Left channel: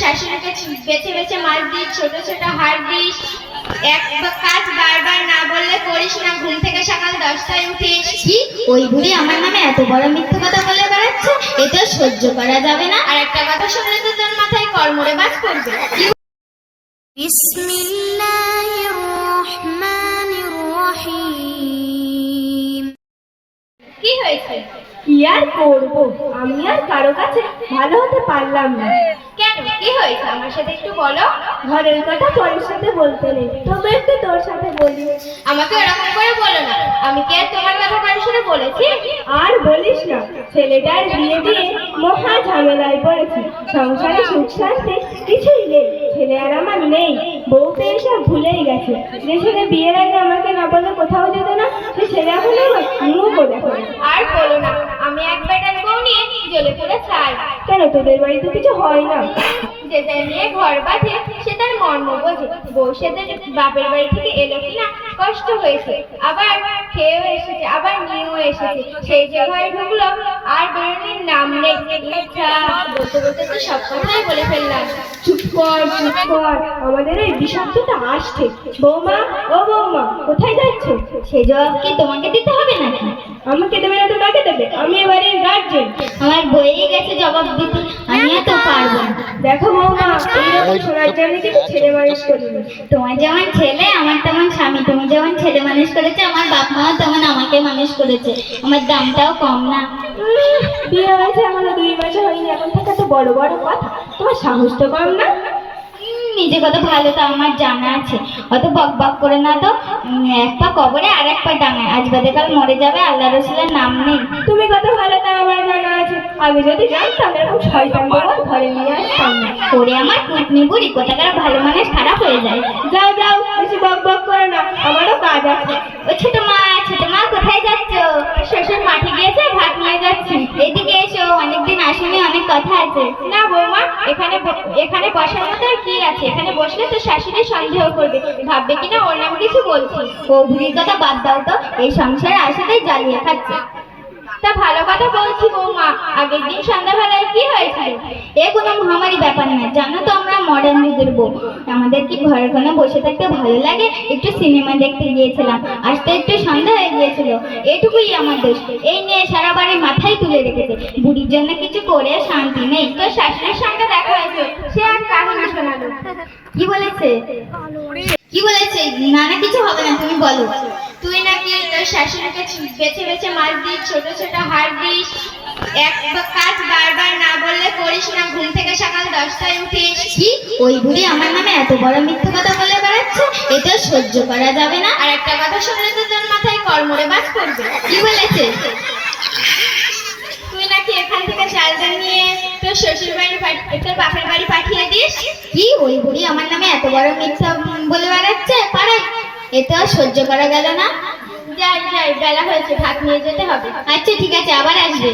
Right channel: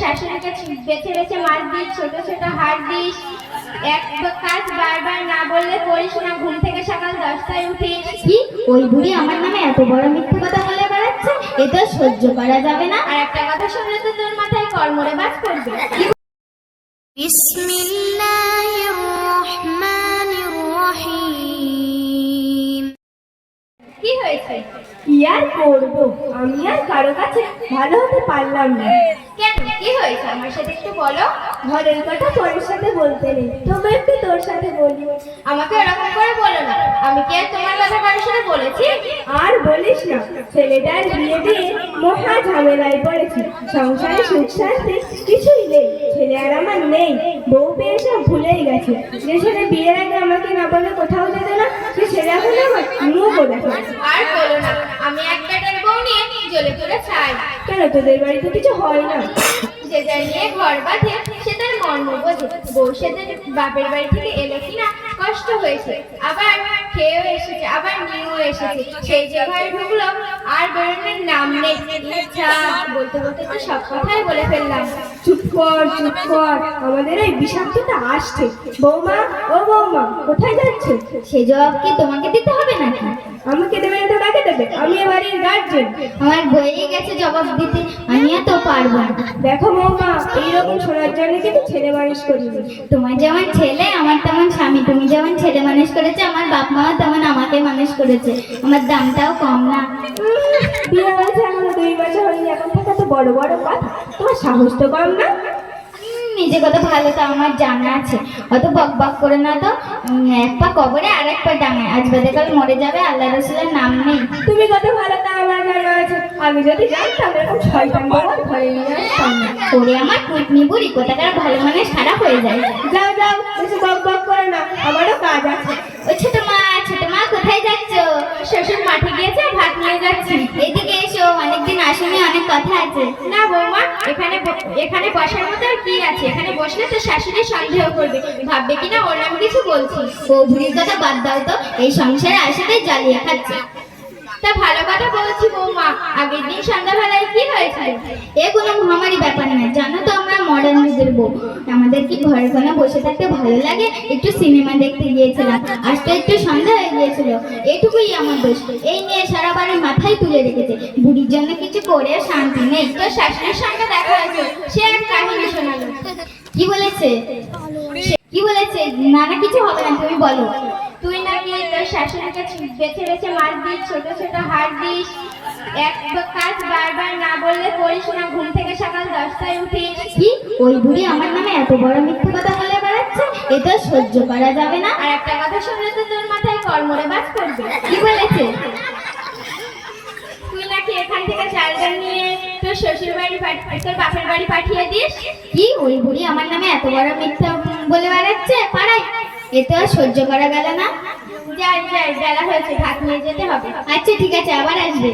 শাশুড়িকে বেছে বেছে মার দিস ছোট ছোট হার দিস। এক কাজ বারবার না বললে করিস না ঘুম থেকে সকাল দশটায় উঠিস। কি ওই বুড়ি আমার নামে এত বড় মিথ্যে কথা বলে বেড়াচ্ছে এটা সহ্য করা যাবে না। আর একটা কথা শুনলে তো তোর মাথায় কর্মরে বাজ করবে কি হয়েছে? কি আর করব? আমি আর কারও কাছে ভালো হতে পারলাম না। কি হয়েছে? আমার সাথে একটু বলো। ঘরের কথা পরের সাথে বলতে নেই। তবে একটু তোর সাথে বলি। আমাকে এরকম করে বলো না। আমি কি আর তোমার কথা কারোর সাথে বলেছি? আর বলিস না। ছেলেটার বিয়ে দিয়ে মহা ঝামেলায় পড়েছি। সংসারে সুখ শান্তি কিছুই নেই। ছেলে আর আমার নেই। বউ পেয়ে সব ভুলেই গেছে। যে ছেলে বিয়ের আগে আমাকে না বলে কোথাও যেত না, সে ছেলে এখন আমার দেখে না। আর বলো না। আমি এক বেটার বউ নিয়ে জ্বলে পুরো চাই। কেন তোদের বাড়িতে কিছু হয় না? যে নিয়ে ঘর বাঁধে, সে তার মর্ম বোঝে। বাপের বাড়ি থেকে এলো কিনা কষ্ট হয়েছে। আবার খেয়েও এসেছে, আবার নিয়েও এসেছে। সেই যে ঘরে ঢুকলো, আর বেরোনোর নাম নেই। বলতে বলতে তো সব কথাই বলে ফেললাম। চুপ কর চুপ কর, আমাদের এই বিষাক্তটা আসছে। বৌমা, ও বৌমা, কোথায় যাচ্ছে? সে জবাব কি তোমাকে দিতে হবে নাকি? আমাকে দেবে না তো কাকে দেবে। আমি এবারে গার্জেন আমার বইয়ে ছেলে মানুষ করিনি তোমার যেমন ছেলে আমার তেমন স্বামী। তুমি যেমন ছেলে মানুষ করেছে আমার বাপ মা তেমন আমাকে মানুষ করেছে। আমার দামটাও কম না। বিয়ে হয়েছে এখনও দুই মাসে হয়নি এখন থেকে তো বড় বড় কথা। তোমার সাহস তো কম না। নিজে কত ভালো তো আমার জানা আছে। অত বক বক করে না তো। এক পা কবরে আর এক পা ডাঙায়। আজ বাদে কাল মরে যাবে আল্লাহ রসুলের নাম নেই। তুমি কত ভালো তা আমার জানা আছে আমি যদি জানতাম এরকম শয়তান বাবা ঘরে নিয়ে আসতাম। না করে আমার পুতনি বুড়ি কোথাকার ভালো মানুষ খারাপ হয়ে যায়। যাও যাও বেশি বক বক করে না আমারও কাজ আছে। ও ছোট মা ছোট মা কোথায় যাচ্ছ? শ্বশুর মাঠে গিয়েছে ভাত নিয়ে যাচ্ছি। এদিকে এসো অনেকদিন আসেনি অনেক কথা আছে। না বৌমা এখানে এখানে বসার মতো আর কি আছে? এখানে বসলে তো শাশুড়ি সন্দেহ করবে। ভাববে কিনা ওর নাম কিছু বলছি। ও বুড়ির কথা বাদ দাও তো এই সংসারে আসাতেই জ্বালিয়ে খাচ্ছে। তা ভালো কথা বলছি বৌমা। আগের দিন সন্ধ্যাবেলায় কি হয়েছিল? এ কোনো মহামারী ব্যাপার না জানো তো আমরা মডার্ন যুগের বউ। আমাদের কি ঘরে কোনো বসে থাকতে ভালো লাগে? একটু সিনেমা দেখতে গিয়েছিলাম আসতে একটু সন্ধ্যা হয়ে গিয়েছিল। এটুকুই আমার দোষ। এই নিয়ে সারা বাড়ি মাথায় তুলে রেখেছে। বুড়ির জন্য কিছু করে শান্তি নেই। তোর শাশুড়ির সঙ্গে দেখা হয়েছে। সে আর কাহিনী শোনালো। কি বলেছে? কি বলেছে? না না, কিছু হবে না, তুমি বলো। তুই নাকি তোর শাশুড়িকে বেছে বেছে মাছ দিস ছোট ছোট হার দিস। এক কাজ বারবার না বললে করিস না ঘুম থেকে সকাল দশটায় উঠিস। কি ওই বুড়ি আমার নামে এত বড় মিথ্যে কথা বলে বেড়াচ্ছে এটা সহ্য করা যাবে না। আর একটা কথা শুনলে তো তোর মাথায় কর্মরে বাজ করবে কি বলেছে? তুই নাকি এখান থেকে চালটা নিয়ে তোর শ্বশুর বাড়ি তোর বাপের বাড়ি পাঠিয়ে দিস? কি ওই বুড়ি আমার নামে এত বড় মিথ্যা বলে বেড়াচ্ছে? আর সহ্য করা গেল না? যাই যাই বেলা হয়েছে ভাত নিয়ে যেতে হবে। আচ্ছা ঠিক আছে আবার আসবে।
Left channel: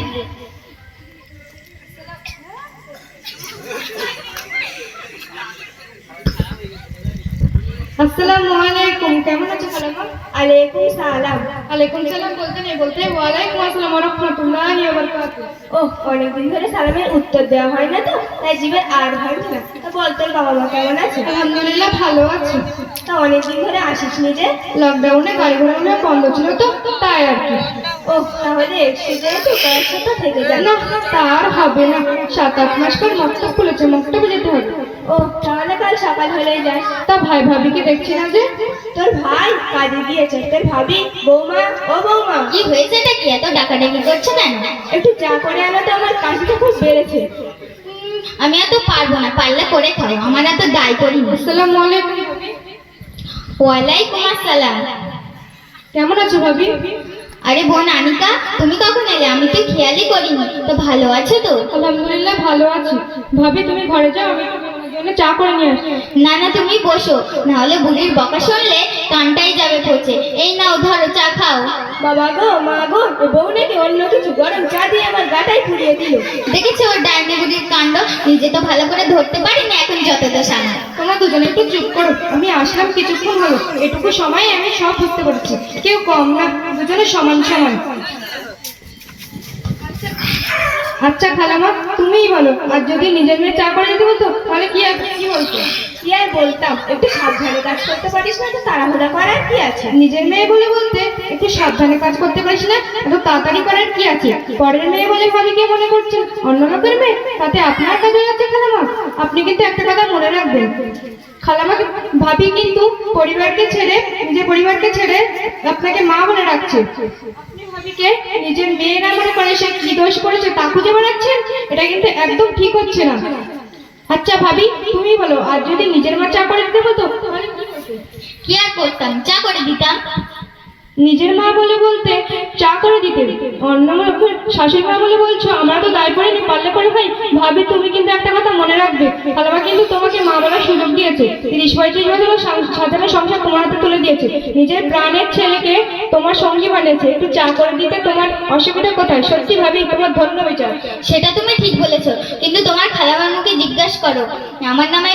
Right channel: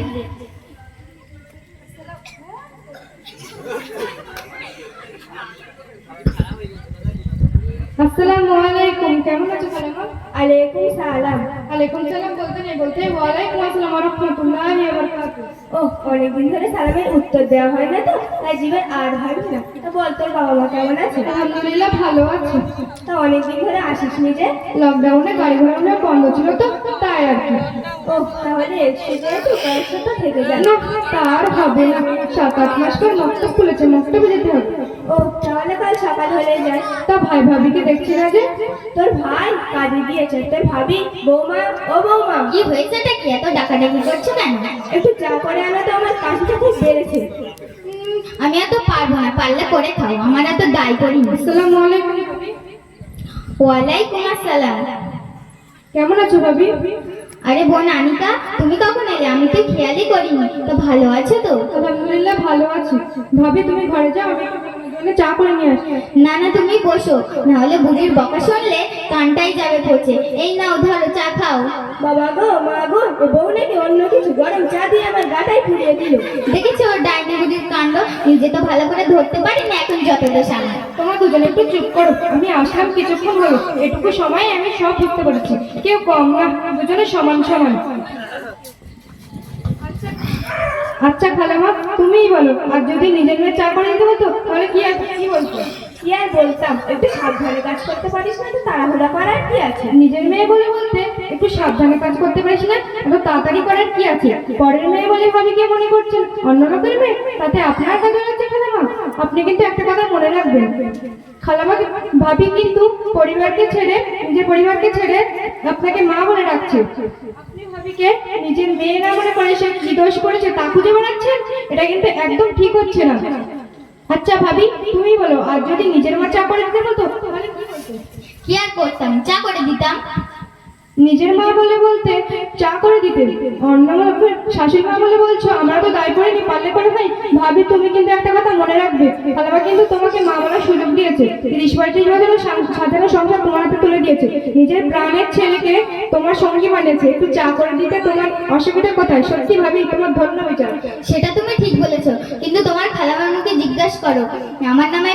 আসসালামু আলাইকুম কেমন আছো খালাম্মা আলাইকুম সালাম। আলাইকুম সালাম বলতে নেই বলতে ওয়ালাইকুম আসসালাম রহমতুল্লাহি ওয়া বারাকাতুহু ও অনেকদিন ধরে সালামের উত্তর দেওয়া হয় না তো? তাই জীবের আর ভাবছি না। বল তোর বাবা মা কেমন আছে? আলহামদুলিল্লাহ ভালো আছি। তা অনেকদিন ধরে আসিস নি যে লকডাউনে গাড়ি ঘোড়া বন্ধ ছিল তো তাই আর কি। ও তাহলে তো থেকে যায় না তার হবে না। সাত আট মাস পর মক্তব খুলেছে মক্তবে যেতে হবে। ও তাহলে কাল সকাল হলেই যাস। তা ভাই ভাবিকে দেখছি না যে। তোর ভাই কাজে গিয়েছে তোর ভাবি বৌমা ও বৌমা। কি হয়েছে এটা কি? এত ডাকাডাকি করছ কেন? একটু চা করে আনো তো আমার কাশিটা খুব বেড়েছে। আমি এত পারব না পারলে করে খাও আমার এত দায় করি না। আসসালামু আলাইকুম। ওয়ালাইকুম আসসালাম। কেমন আছো ভাবি? আরে বোন আনিকা তুমি কখন এলে? আমি তো খেয়ালই করিনি। তো ভালো আছো তো? আলহামদুলিল্লাহ ভালো আছি। ভাবি তুমি ঘরে যাও আমি তোমার জন্য চা করে নিয়ে আসি। না না তুমি বসো। নাহলে বুড়ির বকা শুনলে কানটাই যাবে পচে। এই নাও ধরো। বাবা গো মা গো ও বউ নাকি অন্য কিছু? গরম চা দিয়ে আমার গাটায় পুড়িয়ে দিল। দেখেছ ওর ডাইনি বুড়ির কাণ্ড? নিজে তো ভালো করে ধরতে পারি না এখন যত তো সামনে তোমরা দুজনে একটু চুপ করো আমি আসলাম কিছুক্ষণ হলো। এটুকু সময় আমি সব বুঝতে পারছি। কেউ কম না দুজনে সমান সমান। আচ্ছা খালামা তুমিই বলো আর যদি নিজের মেয়ে চা করে দিতে বলতো তাহলে কি আর কি বলতো কি আর বলতাম? একটু সাবধানে কাজ করতে পারিস না তো তাড়াহুড়া করার কি আছে? নিজের মেয়ে বলে বলতে একটু সাবধানে কাজ করতে পারিস না, এত তাড়াতাড়ি করার কি আছে? পরের মেয়ে বলে ভাবিকে মনে করছেন, অন্য লোকের মেয়ে? তাতে আপনার কাজে লাগছে খালামা। আপনি কিন্তু একটা কথা মনে রাখবেন। খালামা, ভাবি কিন্তু পরিবারকে ছেড়ে, নিজের পরিবারকে ছেড়ে আপনাকে মা বলে রাখছে নিজের মেয়ে না মনে করে সে কি দোষ করেছে তা খুঁজে বেড়াচ্ছেন? এটা কিন্তু একদম ঠিক হচ্ছে না। আচ্ছা ভাবি তুমি বলো, আর যদি নিজের মা চা করে দিতে হতো তাহলে কি? কি আর করতাম? চা করে দিতাম। নিজের মা বলে বলতে চা করে দিতে অন্য শাশুড়ি মা বলে বলছো, আমরা তো দায় পড়িনি পারলে পরে ভাই, ভাবি তুমি কিন্তু একটা কথা মনে রাখবে। খালামা কিন্তু তোমাকে মা বলার সুযোগ দিয়েছে। তিরিশ পঁয়ত্রিশ বছরের সা- সাধারণ সংসার তোমার হাতে তুলে দিয়েছে। নিজের প্রাণের ছেলেকে তোমার সঙ্গী মানেছে একটু চা করে দিতে তোমার অসুবিধা কোথায়? সত্যি ভাবি, তোমার ধন্য বিচার। সেটা তুমি ঠিক বলেছ, কিন্তু তোমার খালামার মুখে জিজ্ঞাসা করো। আমার নামে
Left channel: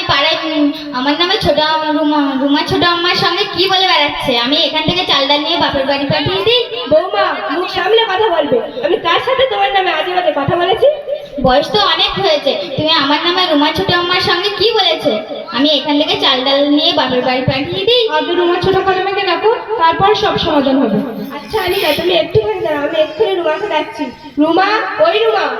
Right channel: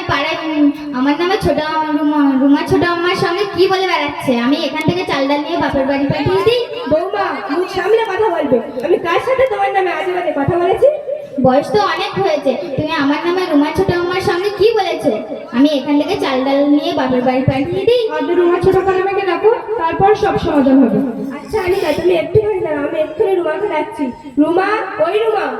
আমার নামে ছোট আম- রুমা রুমা ছোট আম্মার সঙ্গে কি বলে বেড়াচ্ছে? আমি এখান থেকে চাল ডাল নিয়ে বাপের বাড়ি পাঠিয়ে দিই। বৌমা মুখ সামলে কথা বলবে। আমি কার সাথে তোমার নামে আজে বাজে কথা বলেছি। বয়স তো অনেক হয়েছে। তুমি আমার নামে রুমা ছোট আম্মার সঙ্গে কি বলেছে? আমি এখান থেকে চাল ডাল নিয়ে বাপের বাড়ি পাঠিয়ে দিই। আগে রুমা ছোট খালামাকে ডাকো তারপর সব সমাধান হবে। আচ্ছা আনিকা তুমি একটুখানি দাঁড়াও আমি এক্ষুনি রুমাকে ডাকছি। রুমা ওই রুমা।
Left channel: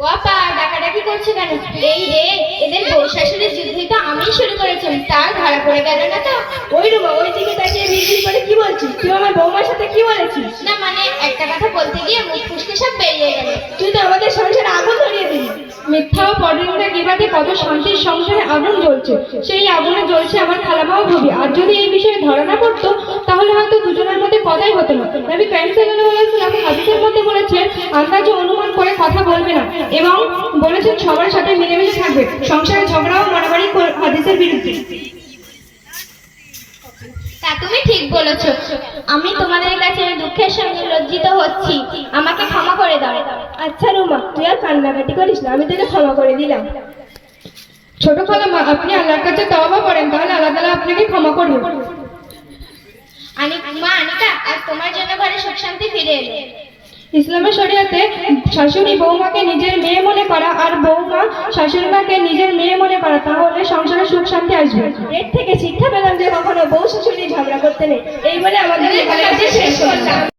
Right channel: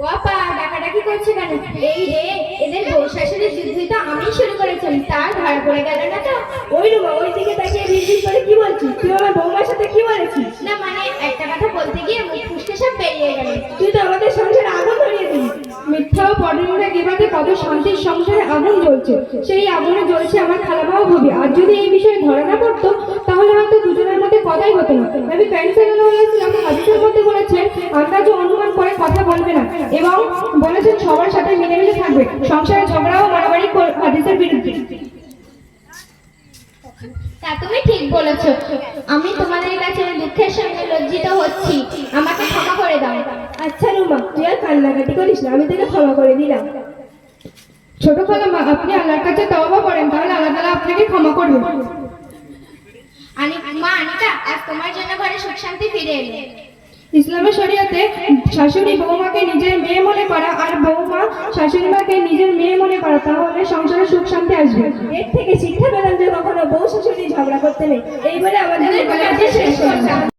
ও আপা ডাকাডাকি করছে কেন? এই রে এদের বউ শাশুড়ির যুদ্ধই আমি শুরু করেছিলাম তার ধরা পড়ে গেল না তো? ওই রুমা ওই দিকে তাকিয়ে বিড়বিড় করে কি বলছিস? তুই আমার বৌমার সাথে কি বলেছিস? না মানে একটা কথা বলতে গিয়ে মুখ ফুসকে সব বেরিয়ে গেল। তুই তো আমাদের সংসারে আগুন ধরিয়ে দিলি। মিথ্যা ও পরনিন্দা গিবাতে কত শান্তির সংসারে আগুন জ্বলছে। সেই আগুনে জ্বলছে আমার খালামাও ভাবি। আর যদি এই বিষয়ে ধরা না পড়তো তাহলে হয়তো দুজনের মধ্যে কথাই হতো না। নবী কাইম সাল্লাল্লাহু হাদিসের মধ্যে বলেছেন আন্দাজ অনুমান বলবে না। এবং বলেছেন সবার সাথে মিলেমিশে থাকবে। সংসারে ঝগড়া ও মারামারি হাদিসের বিরুদ্ধে। তা তুমি ঠিক বলেছ। আমি তোমাদের কাছে দুঃখের সঙ্গে লজ্জিত হচ্ছি। আমাকে ক্ষমা করে দাও। আচ্ছা রুমা তুই আর কান্নাকাটি করিস না আমি তোকে ক্ষমা করে দিলাম। ছোট খালামা আপনি আল্লাহর কাছে তওবা করেন তাহলে আল্লাহ তাআলা আপনাকে ক্ষমা করবে। আনি মা আনিকা আজ তোমার জন্য ঘরে সুখ শান্তি ফিরে এলো। ইসলামের শরীয়তে শাশুড়ি বৌমাকে নিজের মেয়ে মনে করা আর বৌমা শাশুড়ি মাকে নিজের মেয়ে মনে করা তাহলে সংসারে সুখ শান্তি আসবে। এর থেকে শিক্ষা পেলাম যে কখনো বউ শাশুড়ি ঝগড়া করতে নেই। এই বলে আমাদের শেষ করলাম